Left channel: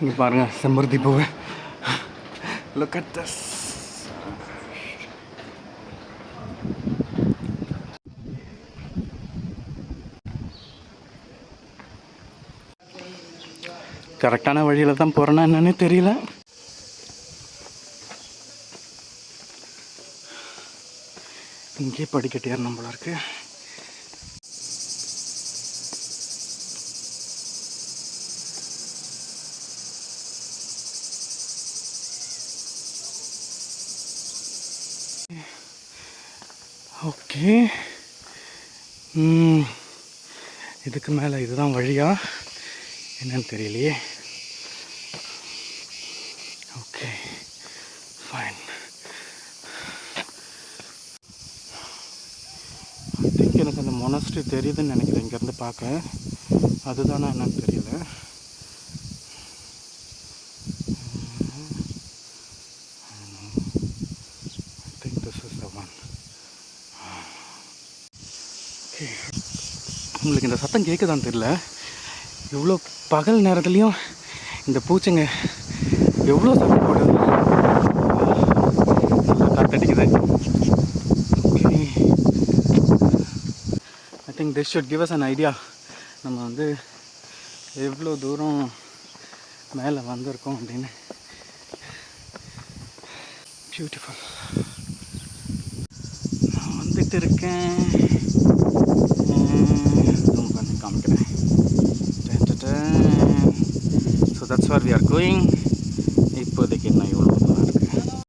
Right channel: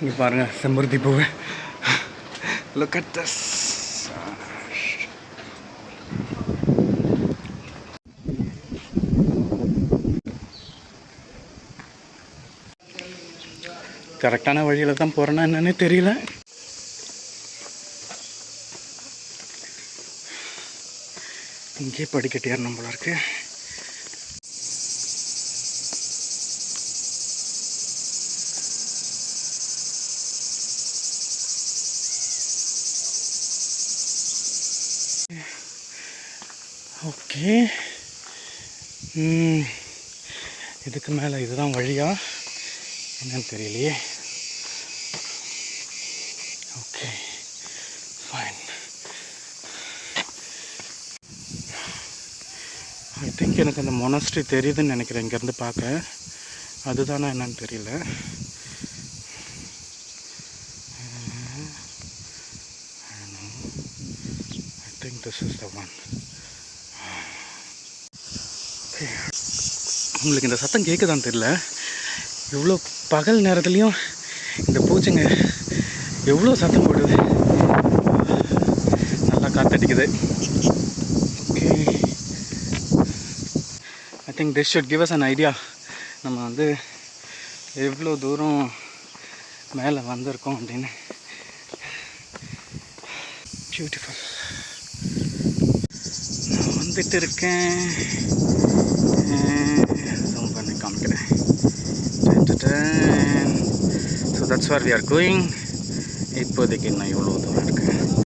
இங்கே பாருங்கள் செம்பருத்தி பூவை. Look at this. கரெக்டான வழியில் தான் போகிறேன்னா என்னன்னே தெரியல. இங்கே படிக்கட்டு ஏறணும் போல இருக்கு. ஓகே, இதுக்கு மேலே இதுதான் வழியா என்னன்னு தெரியலையே. Okay fine. ஐ திங்க் எனக்கு அந்த மொனஸ்ட்ரி தெரியுதுன்னு நினைக்கிறேன் இங்கேருந்து பார்க்க. அதுதானா என்னன்னு தெரியல. ஐ think this is the one. Okay, உங்களுக்கு இந்த சத்தம் கேட்குதான்னு தெரியல. இவ்வளோ பகல் நேரத்துலையும் இந்த பூச்சிங்க எவ்வளோ சத்தம் போடுது. நல்லா காத்தடிக்குது. Okay, I think this should give us an idea. நம்ம வந்து எவ்வளோ தூரம் மேலே வந்திருக்கோம் அப்படின்னு. பியூட்டிஃபுல். நான் வந்துட்டு இருக்கேன். ஜூம் பண்ணி காமிக்கிறேன். So that's where we are going. இப்போதைக்கு இன்னும் இவ்வளோ தூரம் இருக்குது.